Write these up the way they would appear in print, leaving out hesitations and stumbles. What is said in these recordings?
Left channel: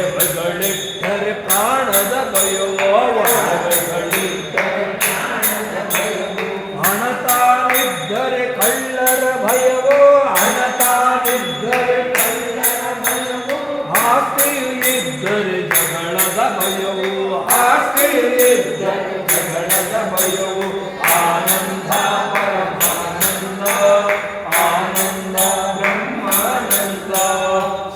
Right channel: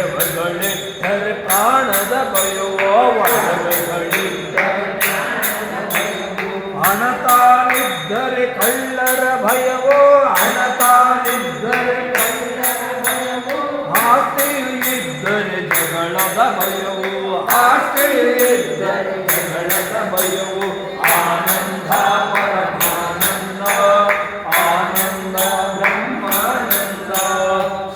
ಒಡವೆಗಳಿದ್ದರೆ ಪ್ರಾಣದ ಭಯವೋ ಒಡವೆಗಳಿದ್ದರೆ ಹಣ ತಾನಿದ್ದರೆ ಕಳ್ಳರ ಭಯವೋ ಹಣ ತಾನಿದ್ದರೆ ಆಸ್ತಿಯು ಇದ್ದರೆ ಜಗಳದ ಭಯವು ಆಸ್ತಿಯು ಇದ್ದರೆ ಜಗಳದ ಭಯವು ಆನಂದ ಪರಮಾನಂದ ಆನಂದ ಬ್ರಹ್ಮಾನಂದ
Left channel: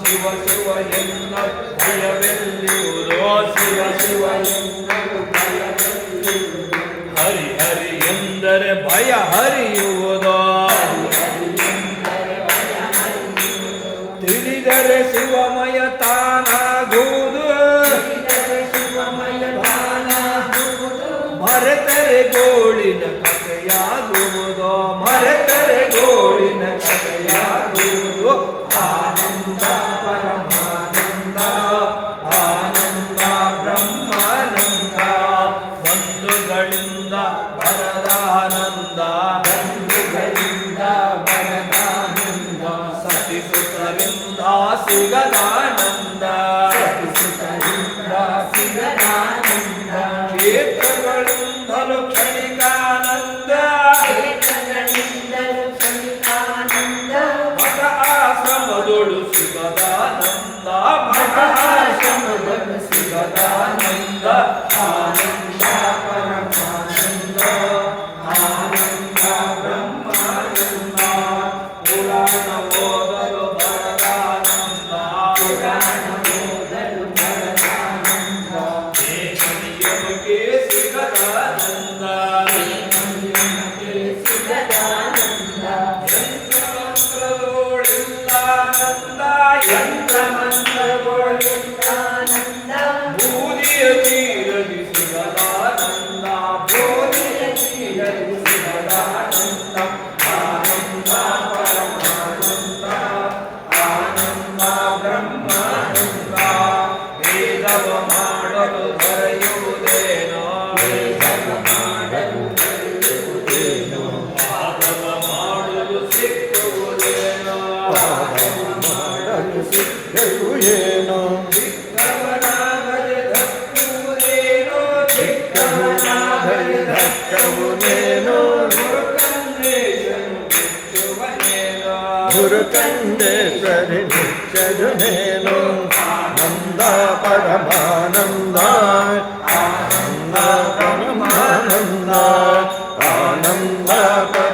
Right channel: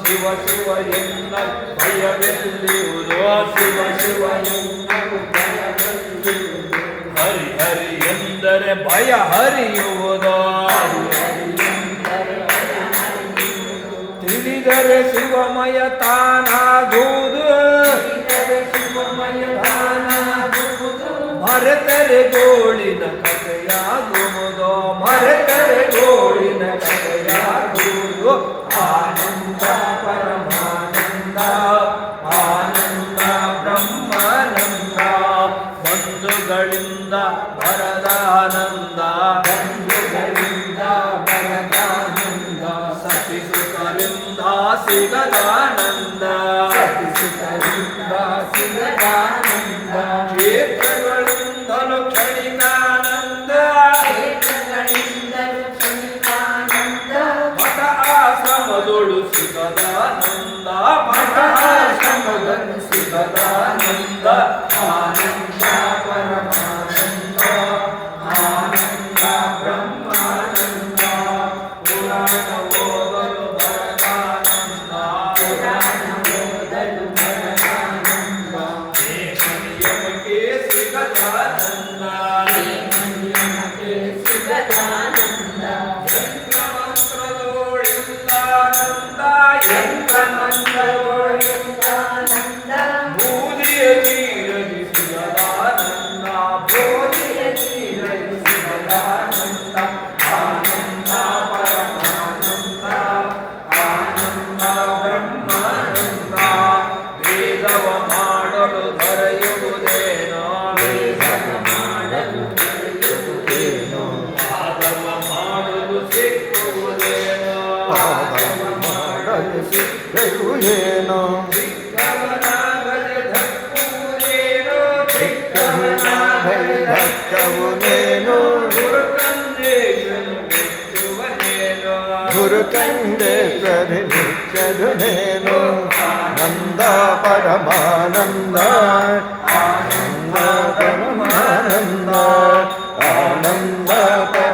ಶಿವ ಶಿವ ಎನ್ನ ಭಯವೆಲ್ಲಿರುವುದೋ ಶಿವ ಶಿವ ಎನ್ನಲು ಭಯವೆಲ್ಲಿರುವುದು ಹರಿ ಹರಿ ಎಂದರೆ ಭಯ ಹರಿಯುವುದೋ ತಿಳಿದರೆ ಶಿವಮಯ ತಾನಾಗುವುದು ಶಿವಮಯ ತಾನಾಗುವುದು ಮರೆತರೆ ಗೋಳಿನ ಕಥೆಯಾಗುವುದು ಮರೆತರೆ ಗೋಳಿನ ಕಥೆಯಾಗುವುದು ಆನಂದ ಪರಮಾನಂದ ಆನಂದ ಬ್ರಹ್ಮಾನಂದ ಬಂಧುಗಳಿಂದ ಬರದಾನಂದ ಬಂಧುಗಳಿಂದ ಬರದಾನಂದ ಸತಿಸುತರಿಂದ ಸಿಗದಾನಂದ ಸತಿಸುತರಿಂದ ಸಿಗದಾನಂದ ಕ್ಷೇತ್ರಗಳಿಂದಲೂ ಕ್ಷಣಿಕಾನಂದ ಕ್ಷೇತ್ರಗಳಿಂದಲೂ ಕ್ಷಣಿಕಾನಂದ ಮಠ ಆಶ್ರಮದೊಳು ಸಿಗದಾನಂದ ಮಠ ಆಶ್ರಮದೊಳು ಸಿಗದಾನಂದ ಆನಂದ ಪರಮಾನಂದ ಆನಂದ ಬ್ರಹ್ಮಾನಂದ ಪುರಾಣ ಓದಲು ಬರದಾನಂದ ಪುರಾಣ ಓದಲು ಬರದಾನಂದ ದೇವನಿಯಮಕ್ಕೆ ಸಿಗದಾನಂದ ದೇವನಿಯಮಕ್ಕೆ ಸಿಗದಾನಂದ ಯಂತ್ರ ಮಂತ್ರದೋಳಿಂದಾನಂದ ಯಂತ್ರ ಮಂತ್ರದೋಳಿಂದಾನಂದ ಬೂದಿಯ ನೀರಲಿ ಸಿಗದಾನಂದ ಬೋಧಿಯ ನೀರಲಿ ಸಿಗದಾನಂದ ಆನಂದ ಪರಮಾನಂದ ಆನಂದ ಬ್ರಹ್ಮಾನಂದ ವೇದವ ಮಾಡಲು ದೊರೆಯುವುದೇನೋ ವೇದವ ಮಾಡಲು ದೊರೆಯುವುದೇನೋ ಪಾದವ ಮಾಡಲು ಸಿಕ್ಕುವುದೇನೋ ಪಾದವ ಮಾಡಲು ಸಿಕ್ಕರು ಏನೋ ಚಿಕ್ಕವನಾಗದೆ ಧಕ್ಕುವುದೇನೋ ಚಿಕ್ಕವನಾಗದೆ ಧಕ್ಕವುದೇನೋ ಗುರುಕಂಡೇಶ್ವರಿ ನಿತ್ಯದು ನೇನು ಆನಂದ ಪರಮಾನಂದ ಆನಂದ ಪರಮಾನಂದ ಆನಂದ ಪರ